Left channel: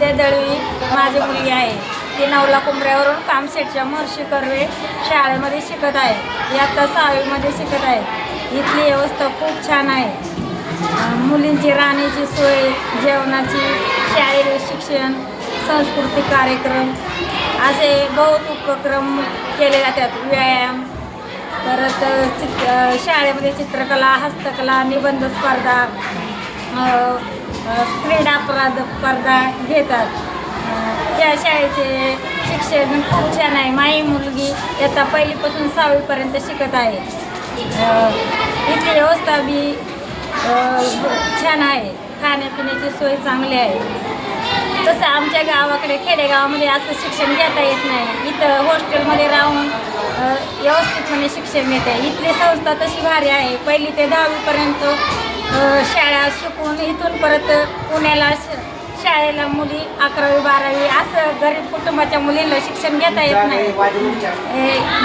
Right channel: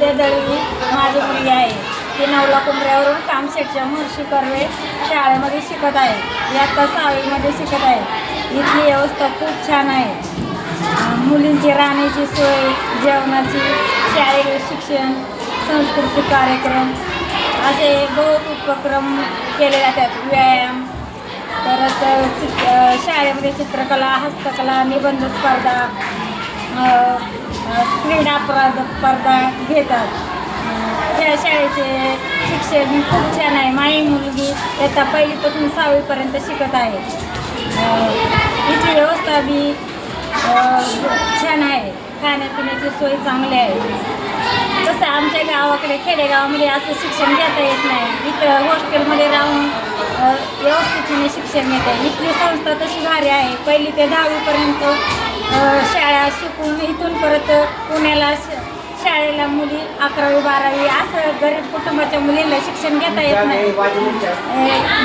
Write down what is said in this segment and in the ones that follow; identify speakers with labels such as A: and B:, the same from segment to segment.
A: विद्या दळवी माझी मुलगी आहे. ती नवला कुंभऱ्यावरून कामशेटच्या महर्षी कर्वे शाळेमध्ये शिकत आहे. यातच सहावीमध्ये शिकत आहे. इथली व्यवस्था खूप छान आहे. मुलींची राहण्याची सोय जेवणाची शारीरिक शिक्षण सांस्कृतिक कार्यक्रम असे बहुत उपक्रम केले जातात. व्यायाम परत अ, चित शाळेमध्ये चित्रकला हस्तकला निबंध स्पर्धा क्रीडा प्रद स्पर्धा घेतात. त्या शाळेचे शिक्षण खूप छान आहे. माझी मुलगी येता पहिलीपासून सहावीपर्यंत शिकत आहे. इथली व्यवस्था बी छान आहे. खाण्यापिण्याची सोय चांगली आहे. तसं आमच्या गावाकडे खेडेगावामध्ये असं शिक्षण घेता येत नाही. इथं हॉस्टेलमध्ये राहून व्यवस्थितपणे शिक्षण घेते. इथली संस्था तशी भारी आहे. पहिली ते दहावीपर्यंत शाळा शिकून इथून परत पुण्याला शाळेला मुली अकरावी बारावी असं गरीब कुटुंबाच्या मुलींना शिक्षण घेता येत नाही.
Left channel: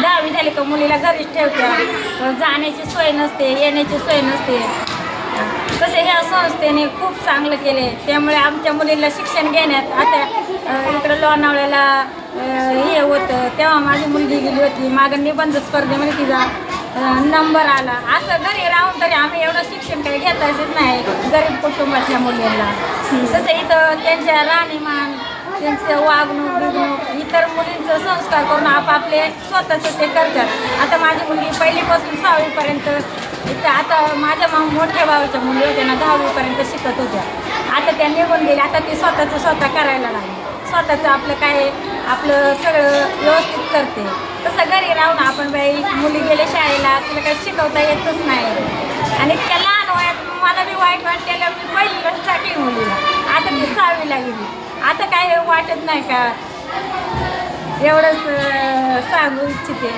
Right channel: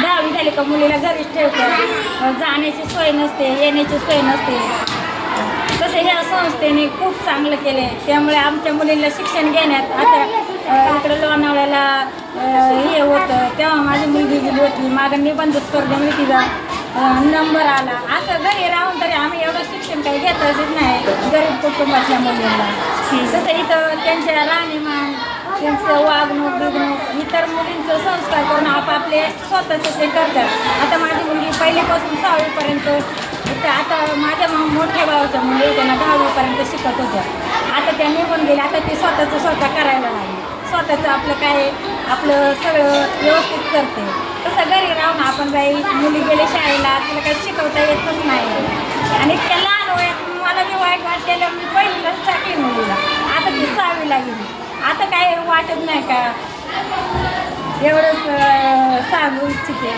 A: दहावी झाली का मुलीला घरीच ठेवत्या. जाण्याची सोय नसते येण्याची सोय नसते. तसं ह्या संस्थेने खूप चांगलं केले त्यामुळे आमच्या मुलीला शिक्षण घेण्यात आता इकडं लोणावळ्याला हे होतं. तेव्हा माझी मुलगी गेली होती. मागं निबंध स्पर्धेमध्ये तिचा अ, नंबर आला. असं घरी राहून तरी आम्ही एवढं शिक्षण काही घेताच येत नाही गरीब कुटुंबातल्या मुलींना. तसं इथं त्यांच्या राहणीमान त्यांचं वागणूक बिगणूक इतर मुलींचं संस्कार करून आपापले स्वतःचं ते करतात. आता माझी मुलगी पहिलीपासून सहावीपर्यंत इथं आता माझ्या मा मोठ्या भावाच्या मुली त्यांना दहावीपर्यंत शिकत होत्या. आता त्या निघून गेल्या आता ती स्वतःचं स्वतः करायला लागली. स्वतःचं आपलं काय आपलं सगळं व्यवस्थित करते. तसं घरी राहून आपण काही मुली गेले शाळेला तिला काही शिकवता येतच नाही. आणि इतक्या लहान वयात मला बी वाईट वाटलेलं मी पहिलीलाच टाकली मुलीला. आता ती सहावीला गेली. आता काय वाटत नाही का? एवढंच सांगू इच्छिते.